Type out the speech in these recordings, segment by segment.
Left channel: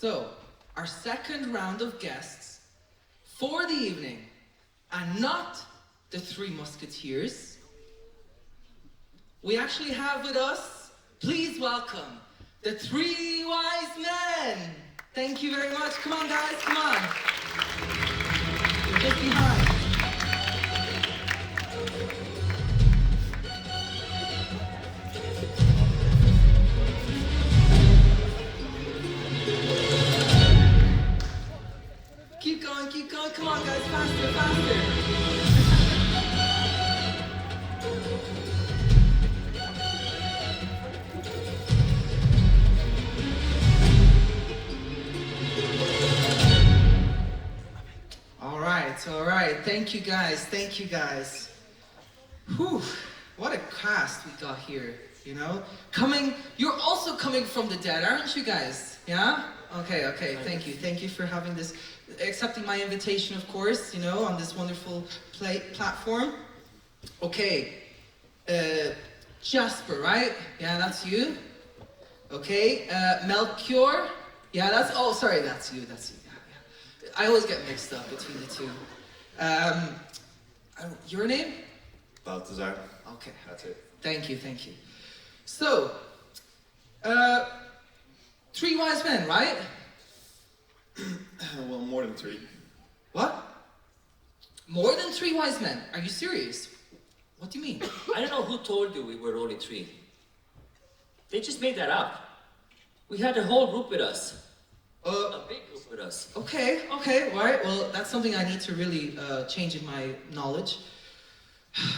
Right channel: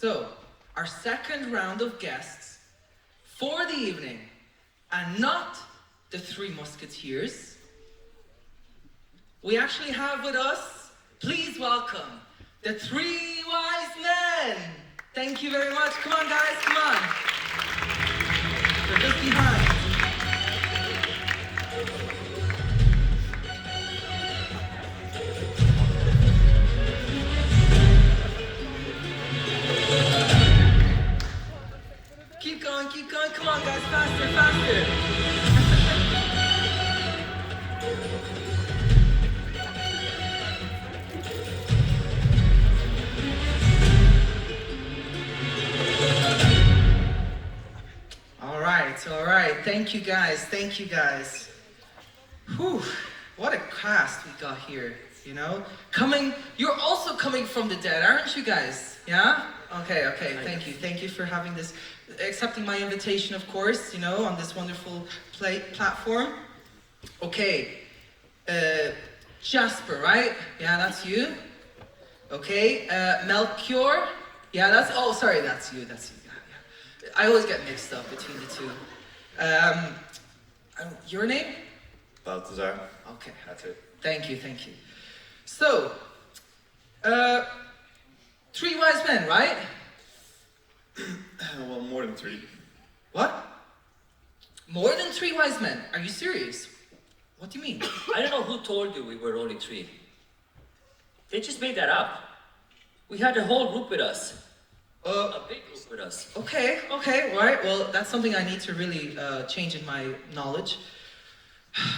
So, our second round of guests for the evening, and not the Three Musketeers, we actually have with us, please welcome, the Three Wise Men. Thank you very much. Come on, guys, come on. They're just behind. Keep going, come on, guys, faster, faster. All right. Thank you guys. Whew, what a cast we got here, you know? You're also coming from the dead, aren't you guys? Yeah? Okay, thank you for having this, accepting my invitation, of course, you know, on this wonderful platform. Okay, Jasper, right? Yeah, that's you. Okay, Melchior. Yeah, that's you. Yeah. I always get mixed up between the two. Your name? Balthazar. Okay. That's it. Thank you. So, Three Wise Men, right? Well, more than three. What? More than 3 wise men? Are you serious? What do you mean? I don't know who told you we were only 3. They just made that up. We had the whole group with us. A big group with us. Okay, alright, well, that's something I need to really change in my knowledge.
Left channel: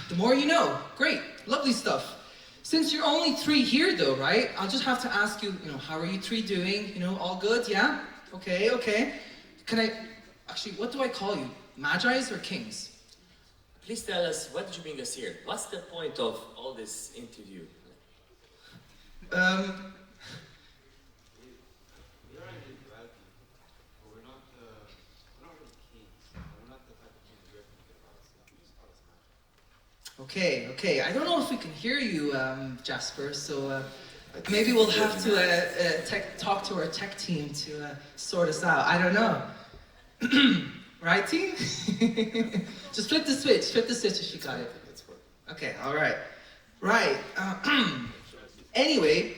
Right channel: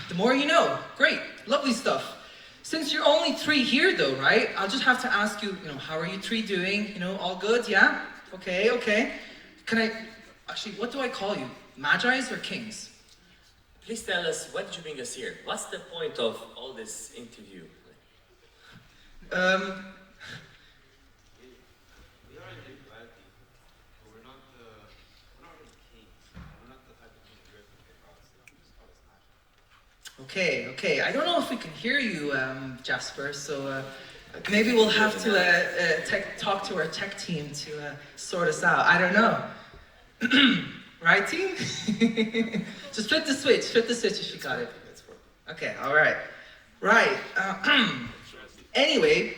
The more you know. Great, lovely stuff. Since you're only 3 here though, right? I'll just have to ask you, how are you 3 doing? All good, yeah? Okay. Actually, what do I call you? Magi's or kings? Please tell us, why did you bring us here? What's the point of all this interview? We are in duality, but we're not really kings. We're not the type of king you're thinking about. So just call us magic. Okay. I don't know if we can hear you, Jasper, so maybe we'll have to talk to our tech team to sort us out. I don't know. Right, team? Just flip the switch if you got it. Okay, all right. Right. Anyway,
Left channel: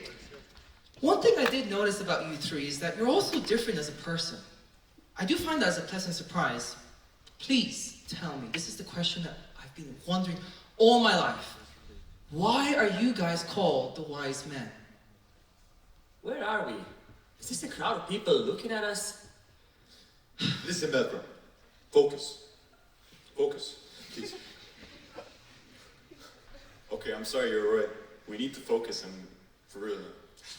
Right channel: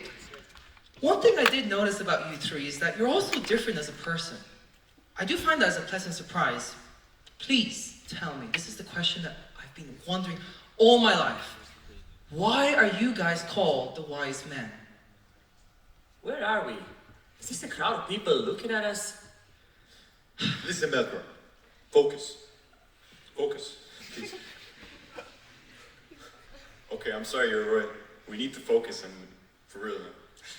one thing I did notice about you 3 is that you're also different as a person. I do find that as a pleasant surprise. Please tell me, this is the question that I've been wondering all my life. Why are you guys called the wise men? Where are we? Is this a crowd of people looking at us? Listen, Melchior. Focus, please. Okay, I'm sorry, you're right. We need to focus and for real.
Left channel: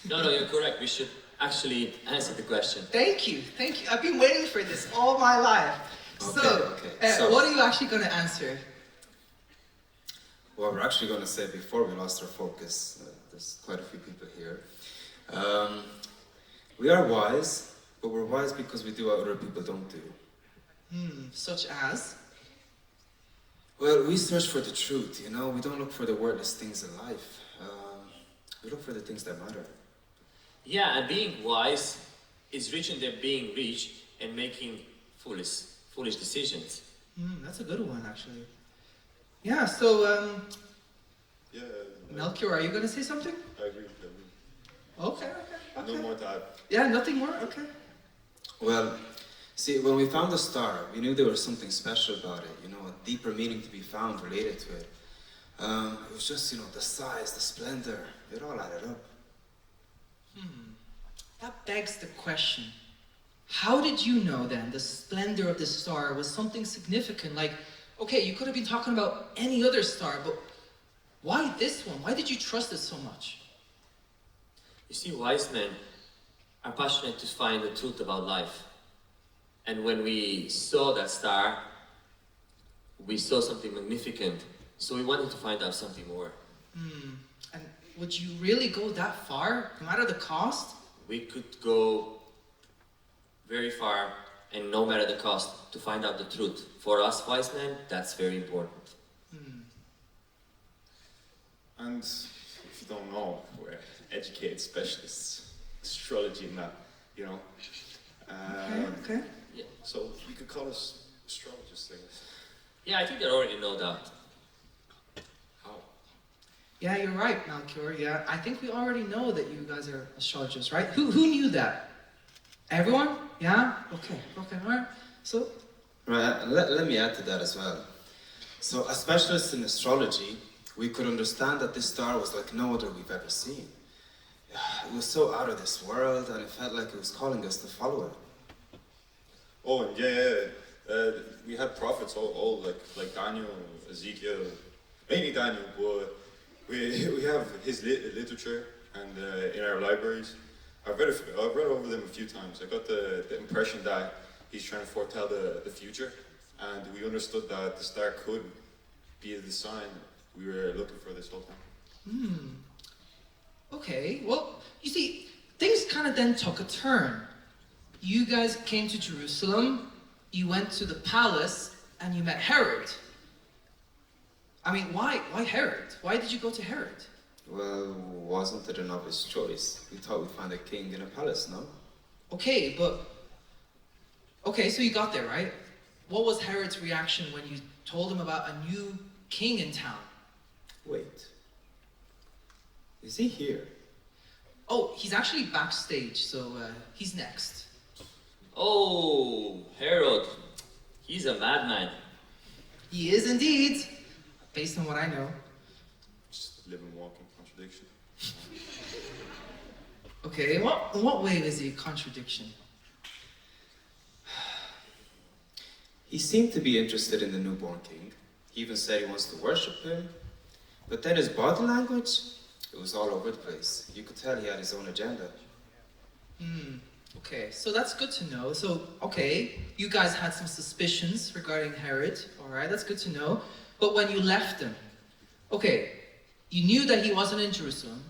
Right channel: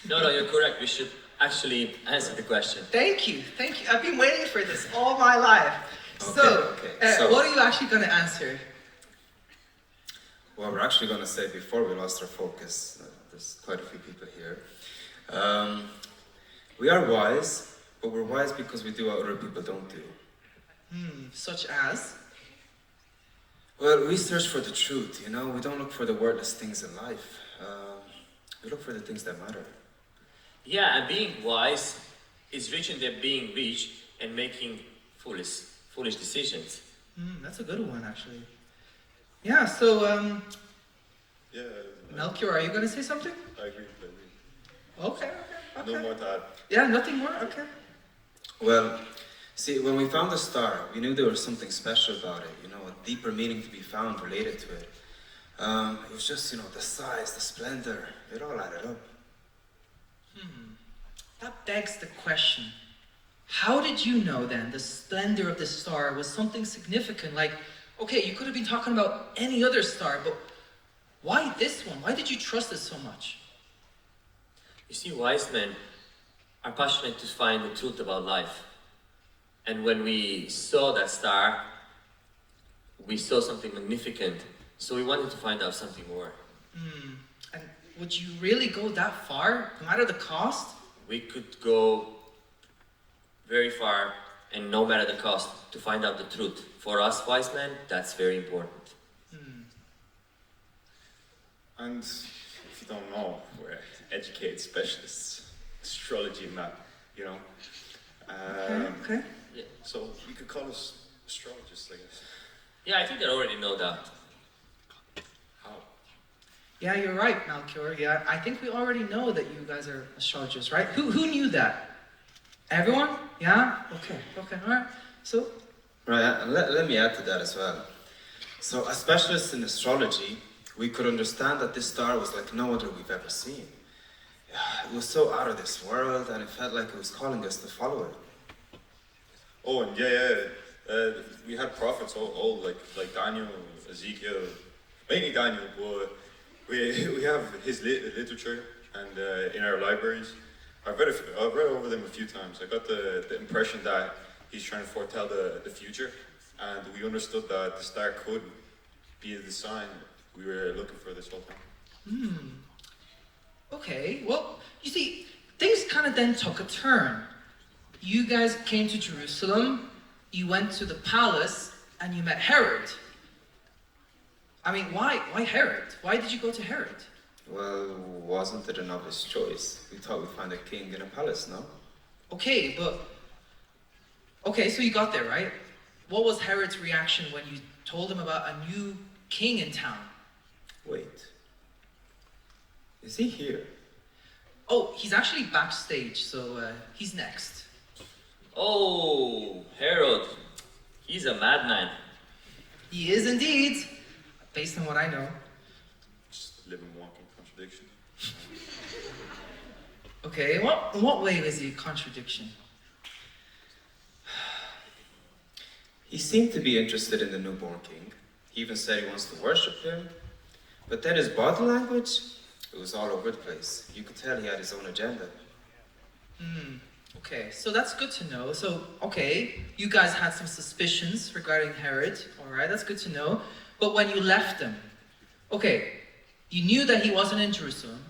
No, you're correct. We should actually answer the question. Thank you. I've been waiting for this all my life. So, what are you actually going to answer? Well, we're actually going to say before we lost our focus, there's quite a few people here. We are wise, but we're wise because we do what other people don't do. Such as? Well, we search for the truth, We don't look for the worthless things in life. We look for the things that matter. Yeah, and being wise is richer than being rich and making foolish decisions. That's a good one, actually. Yeah, so, Yeah. Melchior, are you going to say something? I agree. Okay. No more to add. Yeah, nothing more? Okay. Well, see, when we found the star, we knew there was something special about it, a deeper meaning to be found related to it. It was just, the size, the splendor, it all added up. That begs the question. How did you know then the splendor of the star was something significant? Like, okay, you could have been talking about any other star, but why this one? Why did you trust it so much? You see, wise men are passionate to find the truth about life. And when we saw that star, we saw something magnificent. So we wanted to find out something more. And would you really go that far, no matter the cost? We could go very far, and no matter the cost, to find out the truth. For us wise men, that's very important. And if you don't know, we're educated specialists, astrology and that, Okay. So you could call us astrologists, I guess. Yeah, I think they already know that. How? Yeah, you're right, Melchior. Yeah, I think we already know that you guys are astrologers, right? Who knew that? Everyone? Yeah? Okay, all right. So, Right, and let me add to that as well. So, as specialists in astrology, we could understand that this star was like no other we've ever seen. It was so out of this world, and it felt like it was calling us to follow it. Oh, and we had prophets all like Daniel, Ezekiel, mainly Daniel, but we have his literature and in our libraries. I've read over them a few times. I got the impression that he's trying to foretell the future, and we understood that the star could be the sign we were looking for this whole time. okay. Well, you see, things kind of then took a turn. You guys came to Jerusalem, you went to the palace, and you met Herod. I mean, why Herod? Why did you go to Herod? Well, wasn't it an obvious choice? We thought we'd find a king in a palace, no? Okay, so you got there, right? What was Herod's reaction when you told him about a new king in town? Wait. Is he here? Oh, he's actually backstage, so he's next. Oh, Herod. He's a madman. He is indeed, based on what I know. Just living, walking contradiction. Okay, in what way is he a contradiction? He seemed to be interested in the newborn king. He even said he wants to worship him. But then his body language, it was all over the place. You could tell he had his own agenda. Okay, so that's good to know. So, okay, you guys had some suspicions regarding Herod. Alright, that's good to know. But when you left him, okay, you knew that he wasn't in Jerusalem.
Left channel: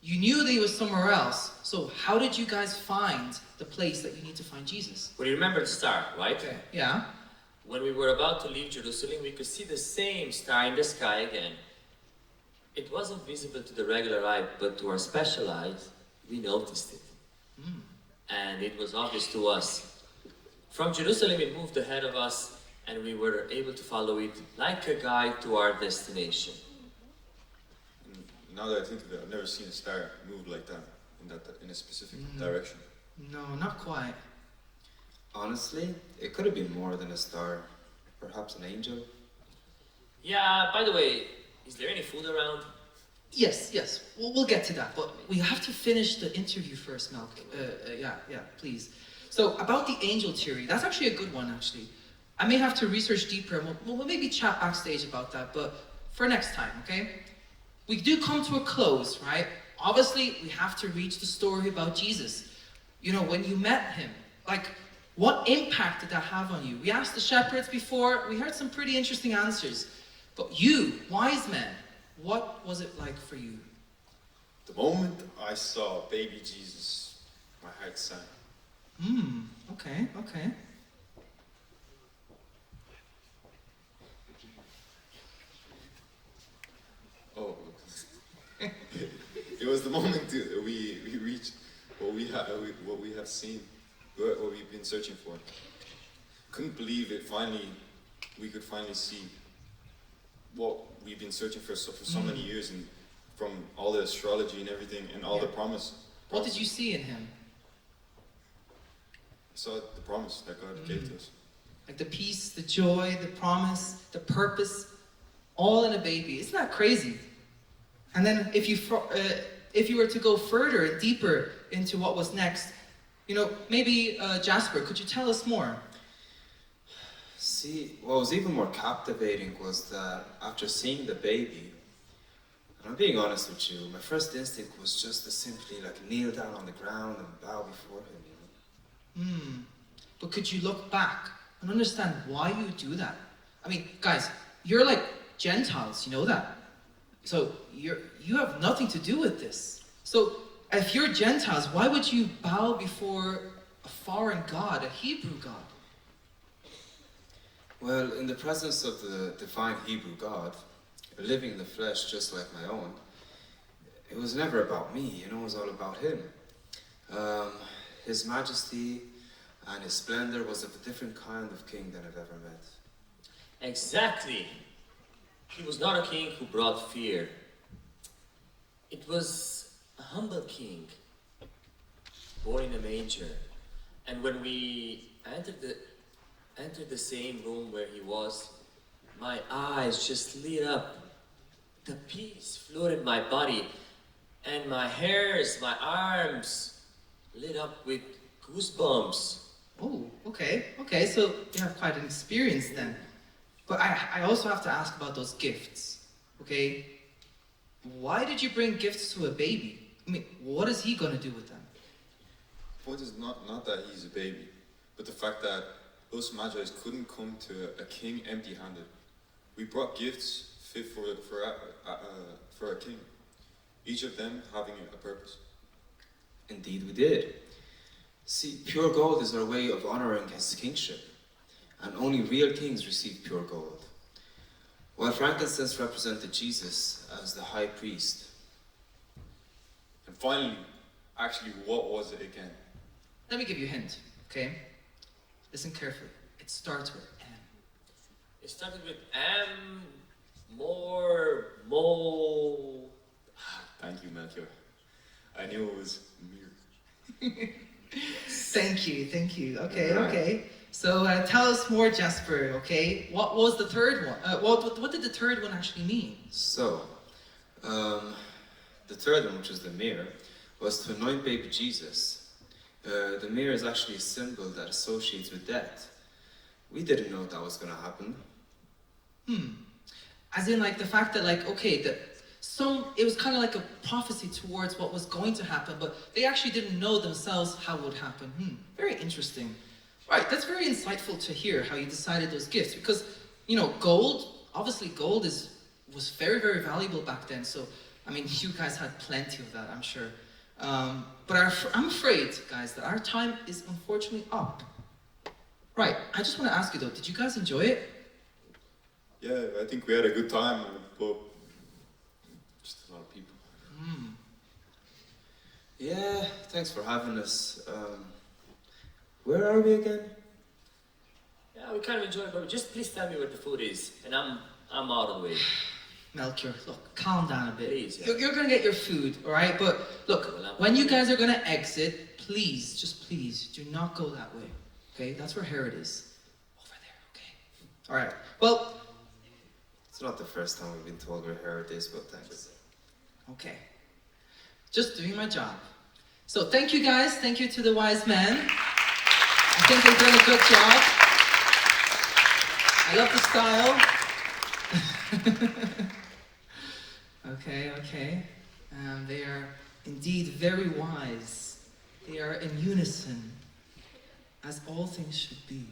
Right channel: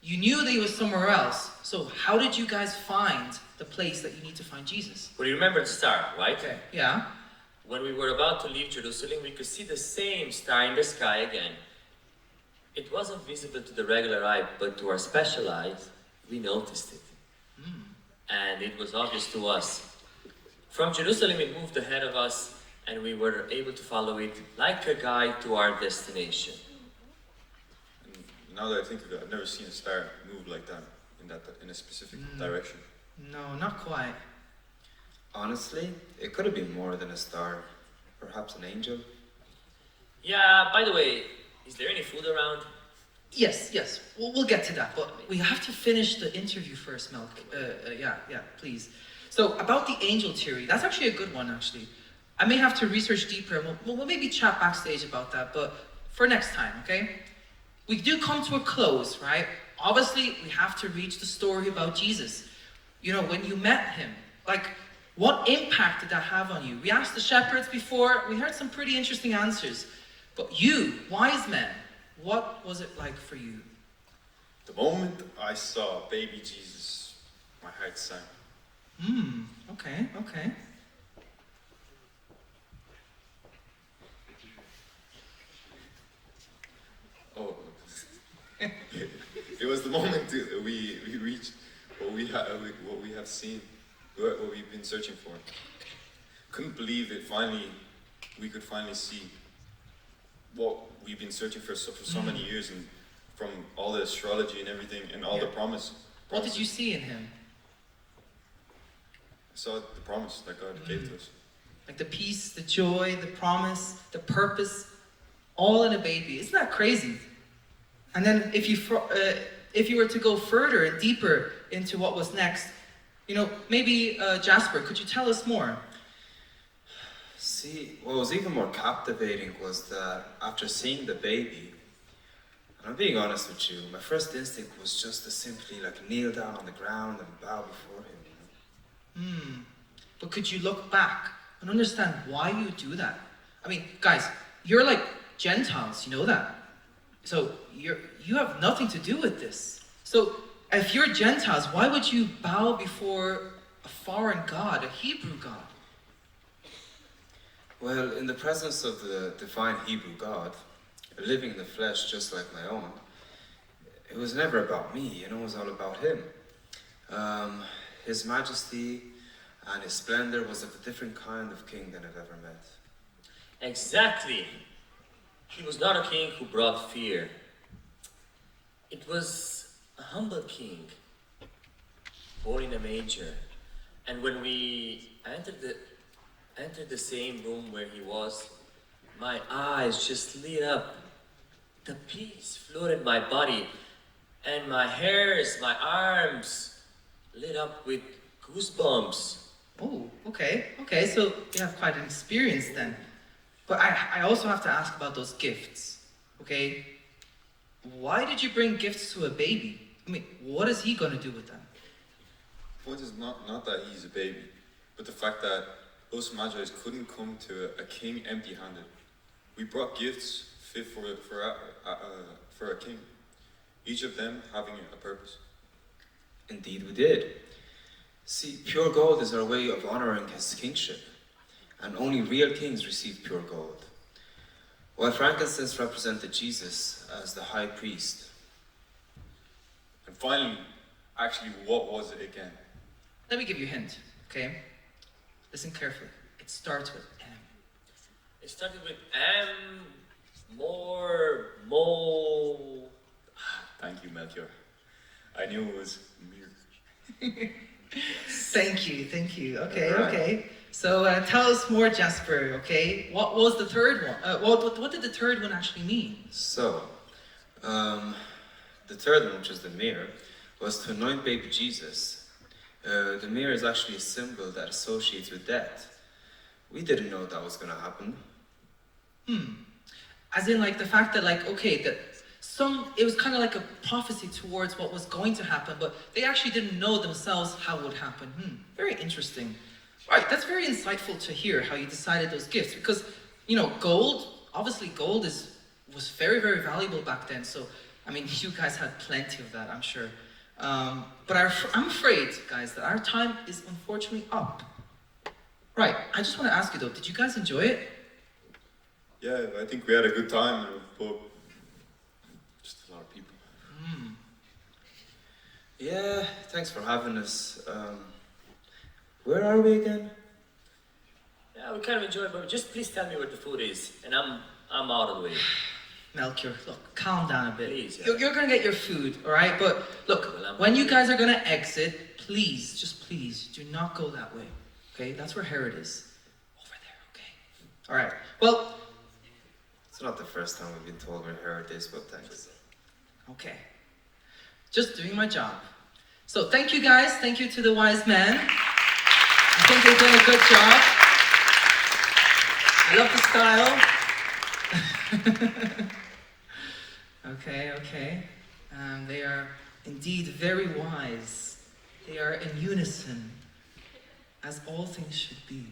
You knew that he was somewhere else. So how did you guys find the place that you need to find Jesus? Well, you remember the star, right? Okay, yeah. When we were about to leave Jerusalem, we could see the same star in the sky again. It wasn't visible to the regular eye, but to our special eyes, we noticed it. And it was obvious to us. From Jerusalem, it moved ahead of us, and we were able to follow it like a guide to our destination. And now that I think of it, I've never seen a star move like that in a specific direction. No, not quite. Honestly, it could have been more than a star. Perhaps an angel. Yeah, by the way, is there any food around? Yes. We'll get to that, but we have to finish the interview first, Melk. Yeah, please. So, about the angel theory, that's actually a good one, actually. I may have to research deeper, and we'll maybe chat backstage about that, but for next time, okay? We do come to a close, right? Obviously, we have to reach the story about Jesus. You know, when you met him, like, what impact did that have on you? We asked the shepherds before, we heard some pretty interesting answers. But you, wise men, what was it like for you? The moment I saw baby Jesus, my heart sank. Okay. Oh, it was the moment we reached what we have seen, what we've been searching for. Couldn't believe it. We could finally see what we've been searching for so many years, and from all the astrology and everything, and all the promise. What did you see in him? I saw the promise that God gave to us. Like the peace, the joy, the promise, the purpose, all in a baby. Isn't that crazy? And then if you were to go further and deeper into what was next, you know, maybe Jasper, could you tell us more? See, what was even more captivating was that after seeing the baby, and I'm being honest with you, my first instinct was just to simply like kneel down on the ground and bow before him. But could you look back and understand why you do that? I mean, guys, you're like Gentiles, you know that? So you have nothing to do with this. So if you're Gentiles, why would you bow before a foreign god, a Hebrew god? Well, in the presence of the divine Hebrew God, living in the flesh just like my own, it was never about me, you know, it was all about him. His majesty, and his splendor was of a different kind of king than I've ever met. Exactly. He was not a king who brought fear. It was a humble king, born in a manger. And when we entered the same room where he was, my eyes just lit up. The peace flooded my body, and my hairs, my arms lit up with goosebumps. Oh, okay, so you have quite an experience then. But I also have to ask about those gifts, okay? Why did you bring gifts to a baby? I mean, what is he gonna do with them? The point is not that he's a baby, but the fact that us Magi couldn't come to a king empty-handed. We brought gifts fit for a king, each of them having a purpose. Indeed we did. See, pure gold is our way of honoring his kingship, and only real kings receive pure gold. While frankincense represented Jesus as the high priest. And finally, actually, what was it again? Let me give you a hint, okay? Listen carefully. It starts with M. It started with M, more, mo. Thank you, Melchior. I knew it was Mir. Thank you. Okay, Alright. okay. So tell us more, Jasper, okay? What was the third one? What did the third one actually mean? So, the third one, which is the mirror, was to anoint baby Jesus. The mirror is actually a symbol that associates with death. We didn't know that was going to happen. As in, like, the fact that, like, okay, it was kind of like a prophecy towards what was going to happen, but they actually didn't know themselves how it would happen. Very interesting. Right, that's very insightful to hear how you decided those gifts, because, you know, obviously gold was very, very valuable back then, so, I mean, you guys had plenty of that, I'm sure. But I'm afraid, guys, that our time is unfortunately up. Right, I just want to ask you though, did you guys enjoy it? Yeah, I think we had a good time, but just a lot of people. Yeah, thanks for having us. Where are we again? Yeah, we kind of enjoyed it, but just please tell me where the food is, and I'm out of the way. Melchior, look, calm down a bit. Please, yeah. You're gonna get your food, alright? But look, when you guys are gonna exit, please, just please, do not go that way. Okay? That's where Herod is. Over there, okay? Alright. Well, It's not the first time we've been told where Herod is, but thanks. okay. Just doing my job. So thank you guys, thank you to the wise men. I think they've done a good job. I love the style. Okay. They are indeed very wise. They are in unison, as all things should be.